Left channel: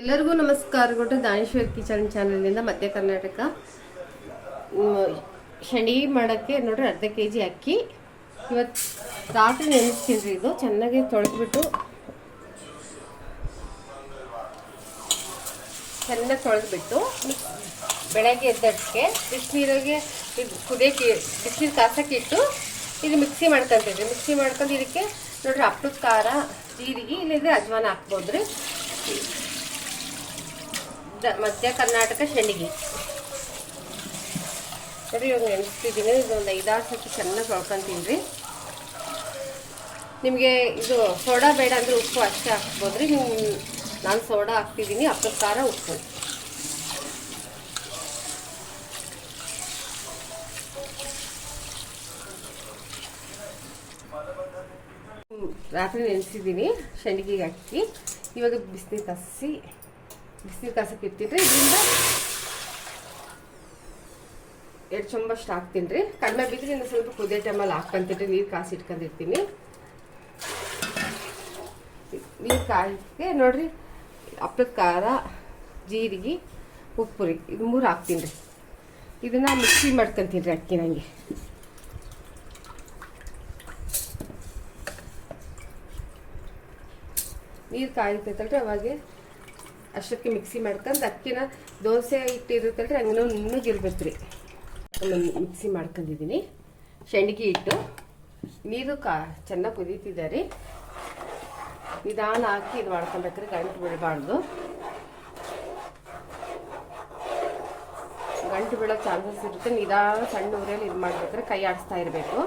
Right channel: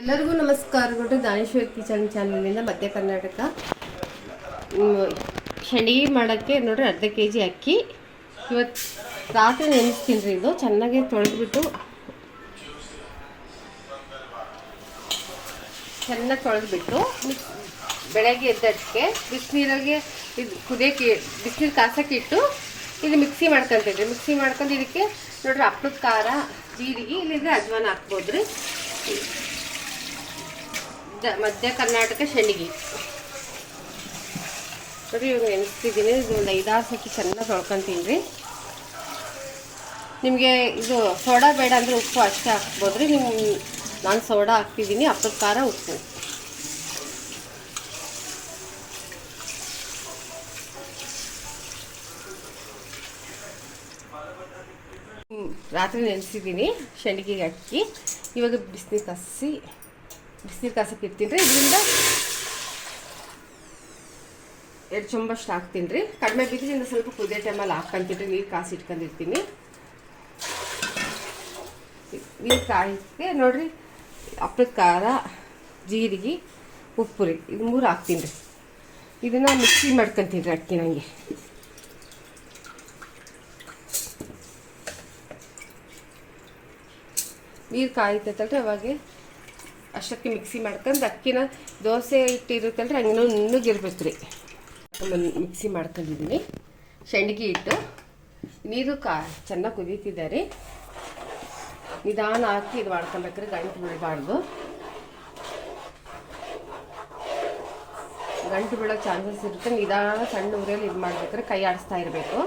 ಎಲ್ಲರಿಗೂ ನಮಸ್ಕಾರಗಳು ದಾನೇಶ್ವರ್ ಕಿಚನ್ ಚಾನಲ್ನಿಂದ ಮಧ್ಯ ಕರ್ನಾಟಕ. ಶಣಿ ಮಾಡೋಕ್ಕೆ ನೋಡ್ರಿ ಅರ್ಧ ಕೆ ಜಿ ಅಕ್ಕಿ. ಇವತ್ತು ರಾತ್ರಿ ನೆನೆಸ್ತೀನಿ ಇದು. ಚೆನ್ನಾಗಿ ತೊಳೆದ್ಬಿಟ್ಟು ಚೆನ್ನಾಗಿ ತೊಳೆದ್ಬಿಟ್ಟು ಬೆಳಗ್ಗೆ ಎದ್ದಕ್ಕೆ ಬಿಸಿನೀರಿಗೆ ಇದು ಕುದಿಯೋಕೆ ಬಿಸಿನೀರು ಕಾಸಕ್ಕೆ ಇದು ಮಿಕ್ಸಿ ಮಾಡ್ಕೊಂತೀವಿ ಮಿಕ್ಸಿ ಮಾಡ್ಕೊಂಡು ಇದಕ್ಕೆ ನೋಡ್ರಿ ಅಪ್ಪದ ಖಾರ, ಜೀರಿಗೆ ಇಲ್ಲಿದ್ರೆ ಅಜ್ವಾನ ಹಾಕ್ಬೋದು ದ- ಮಧ್ಯ ಕರ್ನಾಟಕ ಶೆಣಗಿ ನೋಡಿ ಇವಾಗ ನೆನೆಸ್ತಿದ್ದೀನಿ ಇದು ಒಂದು ಐದಾರು ಸತಿ ಚೆನ್ನಾಗಿ ತೊಳ್ಕೊತೀನಿ ರೀ. ನಿಮಗೆ ಇದು ಸೋಡಾ ಬೇಡ ಅಂದರೆ ಉಪ್ಪು ಅಷ್ಟೇ ಹಾಕ್ಬೋದು ರೀ ನಿಮ್ಮ ನಾನು ಸೋಡಾ ಹಾಕ್ತಿದ್ದೀನಿ. ಅಪ್ಪು ಖಾರ, ಉಪ್ಪು. ರಾತ್ರಿ ನೆನೆಸಿದ್ದೀನಿ ಶೆಣಗಿಗೆ ಅಕ್ಕಿ. ಇವಾಗ ಬಿಸಿನೀರು ಕಸಿ ಬಿಸಿನೀರು ಕಾಸಕ್ಕೆ ಇಡ್ತೀನಿ ರೀ. ಇದರಿಂದ ಎರಡು ಚಂಬಷ್ಟು ಹಾಕ್ತೀನಿ ರೀ. ಕಡಿಮೆ ಇನ್ನು ಸ್ವಲ್ಪ ಕುದಿಯೋ ಟೈಮಲ್ಲಿ ಹಾಕ್ಕೊಂತೀನಿ ರೀ. ನೀರು ಕಾಸಿ ಇಟ್ಕೊಂಡಿರ್ತೀನಿ ನೀರು ಕಾಯಕ್ಕೆ ನೋಡಿರಿ ಹಪ್ಪಳದ ಖಾರ, ಜೀರಿಗೆ, ಉಪ್ಪು ರೀ. ಇದು ಮೂರು ಹಾಕ್ತೀನಿ ರೀ. ಇದನ್ನು ಮಿಕ್ಸಿ ಮಾಡ್ಕೊಂತೀನಿ ರೀ ಅಕ್ಕಿ ನನಗೆ ನೀರು ಕಾಯ್ತೈತಲ್ರಿ ಅವಾಗ. ಅಷ್ಟಕ್ಕೆ ಮಿಕ್ಸಿ ಮಾಡ್ಕೊಂಡು ಅಕ್ಕಿನ ದೋಸೆ ಹಿಟ್ಟು ಇರುತ್ತಲ್ರಿ ಹಂಗೆ ನುಣ್ಣಗಿರ್ಬೇಕು ರೀ. ಮಿಕ್ಸಿ ಮಾಡ್ಕೊಂಡಿದ್ದೀನಿ. ಶೆಂಡಿಗೆ ಇಟ್ಟು ನೀರು ಕಾ ಚೆನ್ನಾಗಿ ಕುದೀತಿದೆ ನಿಧಾನ ಹಾಕಿ ಇದು ಮಾಡ್ಕೊಬೇಕ್ರಿ, ಗಂಟು ಬಿಡಬಾರ್ದು ಗಂಟು ಬಿಡೋ ಚಾನ್ಸಸ್ ಇರುತ್ತೆ. ನಿಧಾನ ಸಣ್ಣ ಊರಲ್ಲಿ ಇದು ಮಾಡ್ಬೇಕ್ರೆ ಕೈ ಆಡಿಸ್ತಾ ಇರಬೇಕು.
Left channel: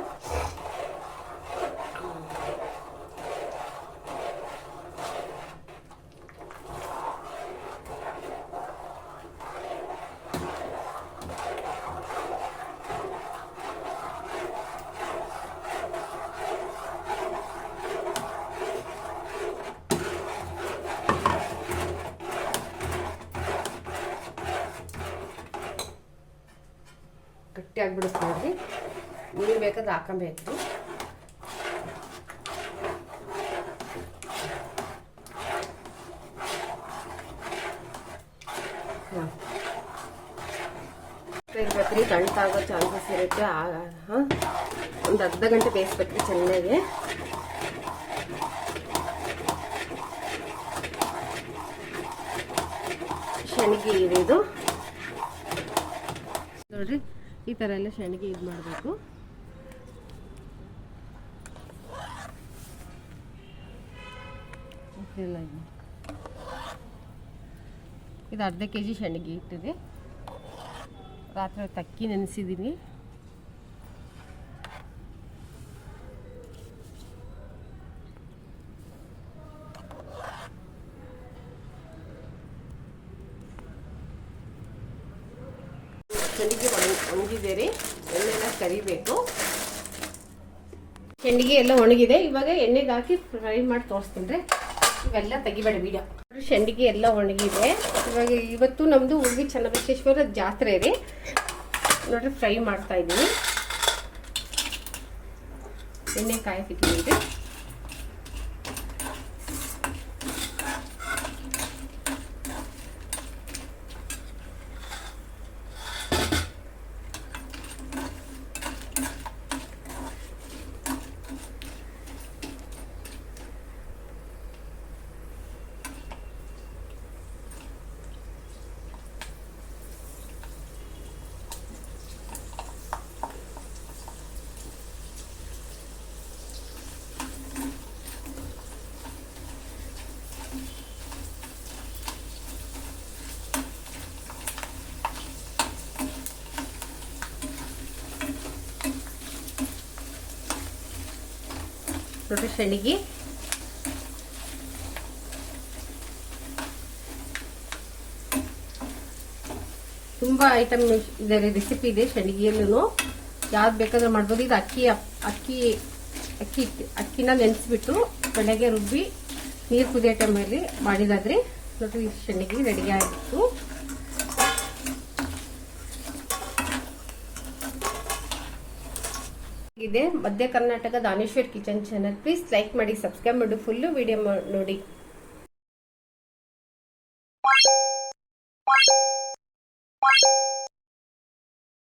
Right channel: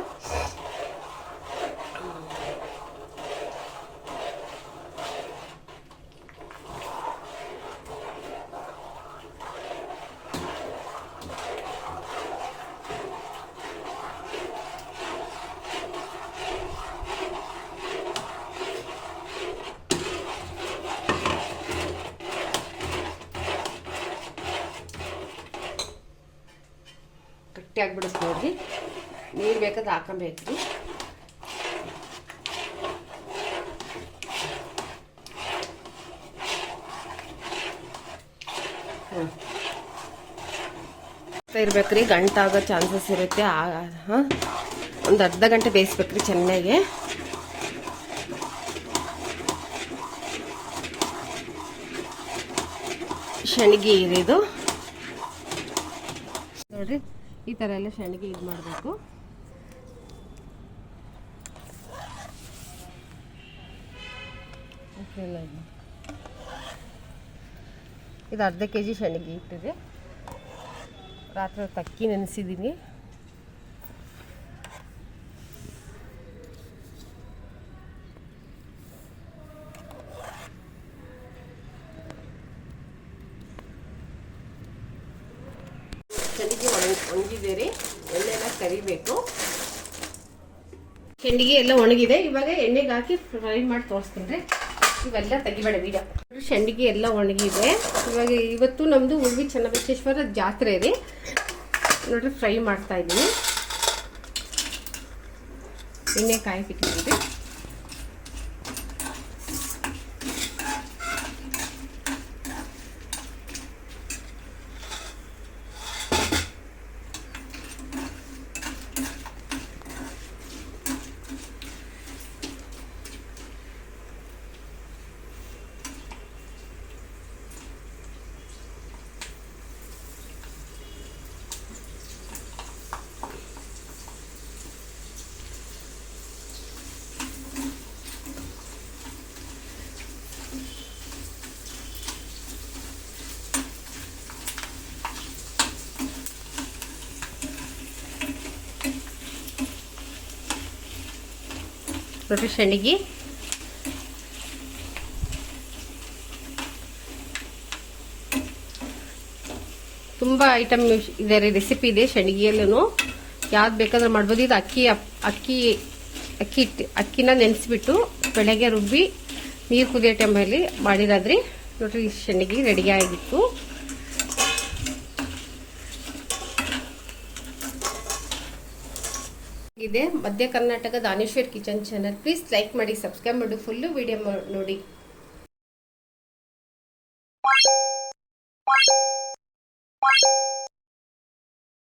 ಗಟ್ಟಿ ಆಗ್ಬಿಡುತ್ತೆ ನೀರು ಬೇಕಾದ್ರೆ ಹಾಕೊಬೇಕು ರೀ ಇರ್ಬೇಕ್ರಿ, ಗಂಟಾಗೋ ಚಾನ್ಸಸ್ ಇರುತ್ತೆ. ಹಾಂ? ಒಂದು ಅರ್ಧ ಗಂಟೆ ಬೇಯಿಸ್ಬೇಕ್ರಿ ಚೆನ್ನಾಗಿ ಶನಿಗೆ ಇದು ನೋಡ್ರಿ. ಈ ಥರ ಎಲ್ಲ ಸೆಣಗಿ ಇದು ಮಾಡಬೇಕು. ಇದು. ಅರ್ಧ ಕೆ ಜಿ ಸೆಣಗಿ ಇಟ್ಟಿದೆ. ರಾತ್ರಿ ತಕ್ಕಿ ನೆನೆಸಿದ್ದೀನಿ ಒಣ ಒಣಗಿದೆ ರೀ ಎಣ್ಣೆನ ಕರಿಬೇಕು. ಹೆಂಡಿಗೆ ಎಲ್ಲ ಒಣಗಿದೆ. ಇವಾಗ ಎಣ್ಣೆಗೆ ಹಾಕಿ ಫ್ರೈ ಮಾಡಿ ತೋರಿಸ್ತೀನಿ ರೀ. ಇವೆಲ್ಲ ತೆಗಿಬೇಡ ಬೀಜ ಶೆಂಡಿಗೆ ಎಲ್ಲ ಒಣಗಿದೆ. ಇವಾಗ ಇವತ್ತು ನಮ್ಮದು ಉಳ್ವಿ ಚನ್ನಬಸವೇಶ್ವರ ಜಾತ್ರೆ ರೀ. ನೋಡ್ರಿ ಫ್ರೈ ಮಾಡ್ತಾ ಇದ್ದೀನಿ ಎಣ್ಣೆ ಕಾಯಿ ನೋಡ್ರಿ ಶೆಣಗಿ ತುಂಬ ಐಟಮ್ ಇದೆ ರೆಸಿಪಿ ಇದೆ ಸೆಣಗಿಯಲ್ಲೂ ಯಾವ್ದು ಬೇಕಾದ್ರೂ ಮಾಡ್ಬೋದು. ಇದು ಅಕ್ಕಿ ಅಕ್ಕಿ ಅಕ್ಕಿ ಅಕ್ಕಿನ ನೆನೆಸಿಬಿಟ್ಟು ಬೆಳಗ್ಗೆ ರುಬ್ಬಿ ನೀರು ಕುದಿಯೋ ಟೈಮಲ್ಲಿ ಮಾಡಿರಾದ್ರಿ ನೋಡ್ರಿ ಸೆಣಗಿ ರೆಡಿ ಆಗಿತ್ತು. ಇದೆ. ಮಧ್ಯ Karnataka Daneshwar kitchen channel please like ಮಾಡಿ ಸಬ್ಸ್ಕ್ರೈಬ್ ಮಾಡಿ ಫುಲ್ಲು ವಿಡಿಯೋ ನೋಡಿ.